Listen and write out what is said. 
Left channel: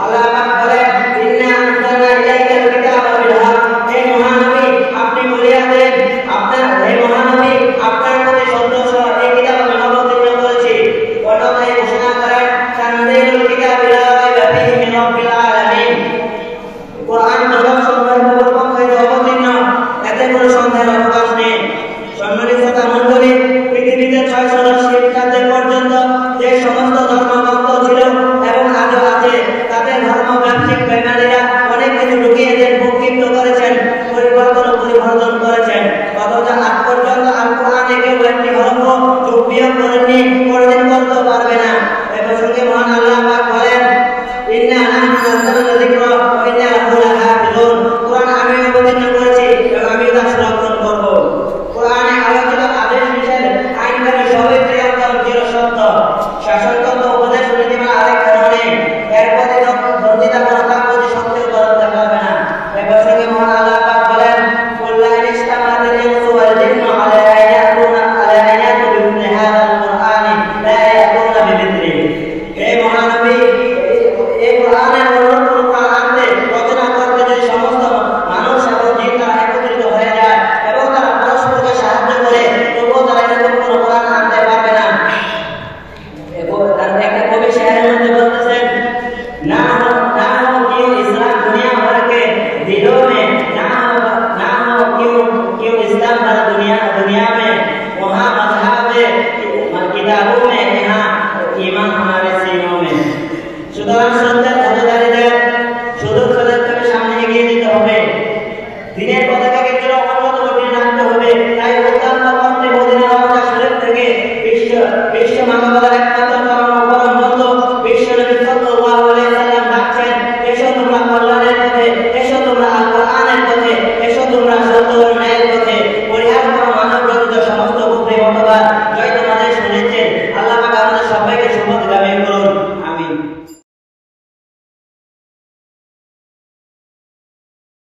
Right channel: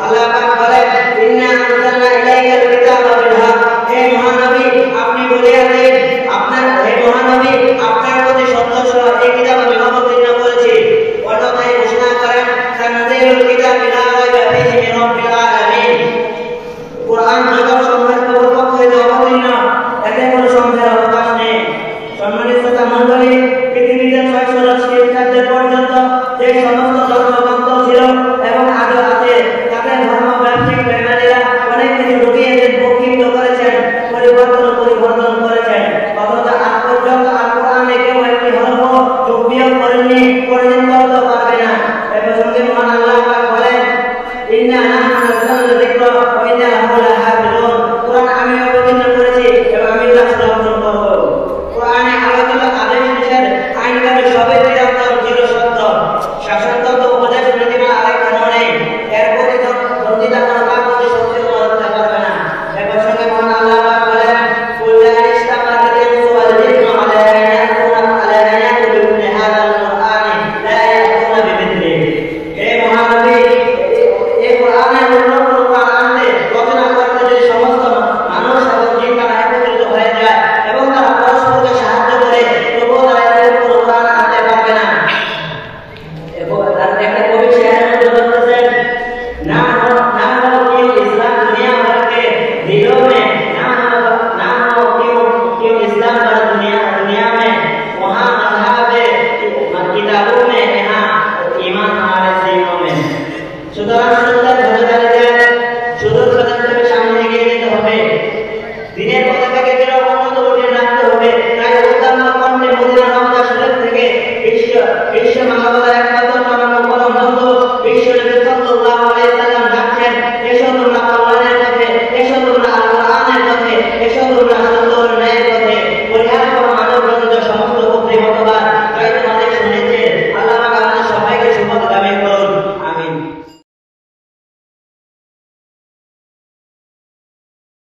আল্লাহ পাক বলেন ইন্না আনজালনা ইলাইকাল কিতাবা বিল উন্নীত করেছেন, পরিবর্তন করেছেন। অথচ আজ পর্যন্ত আল কোরআনে কেউ একটি হরফ যোগ বিয়োগ করেননি, কোনদিন করতে পারবে না। এই প্রসঙ্গে মহান আল্লাহ পাক বলেন, ইন্না নাহনু নাযালনা যিকরা ওয়া ইন্না লাহু লাহাফিজুন। কোরআন আমি অবতীর্ণ করেছি এবং আমি তা সংরক্ষণ করব। কোরআনে আলোচিত আদেশ নিষেধ আইনকানুন সবই চিরসত্য। শাসনতন্ত্র উপদেশ নীতিমালা আরেক ধরনে এর প্রতি দর্জিতা কোনো কাজ প্রতি সত্যি ধরতে পারবে না। এই প্রসঙ্গে মহান আল্লাহ পাক বলেন, কুল্লা ইস্তামাআতিল ইনসু ওয়াল জিন্নু আলা আন ইয়াতু বিমিথলি হাযাল কুরআনি লা ইয়াতুনা বিমিথলিহি। হে মহানবী, এই কোরআনের অন্য কোরআন আনতে রচনা করতে যদি সমস্ত মানুষ এবং জিন তারা একত্রিত হয়ে যায় এবং তারা পরস্পরকে সাহায্য করে, তবুও তারা এরকম কোনো কোরআন আনতে পারবে না। একটা কবি শেয়ারের মধ্যে বলতেছেন, না हो क्यों इस्लाम दुनिया भर के दिलों में, ना हो क्यों इस्लाम भर दुनिया में, वहाँ मज़हब किताबों में, यहाँ ईमान हमारे सीनों में। সুতরাং সত্যের বোঝা দাঁড়িয়ে যায়, শুধু সত্যের সামনে এগিয়ে যেতে হবে, দিনের পতাকাকে চির উন্নত করে রাখতে হবে। তাই উত্তম মন্ত্রী মদিনা রওজা শরীফ থেকে বিশ্ব মানবতার একমাত্র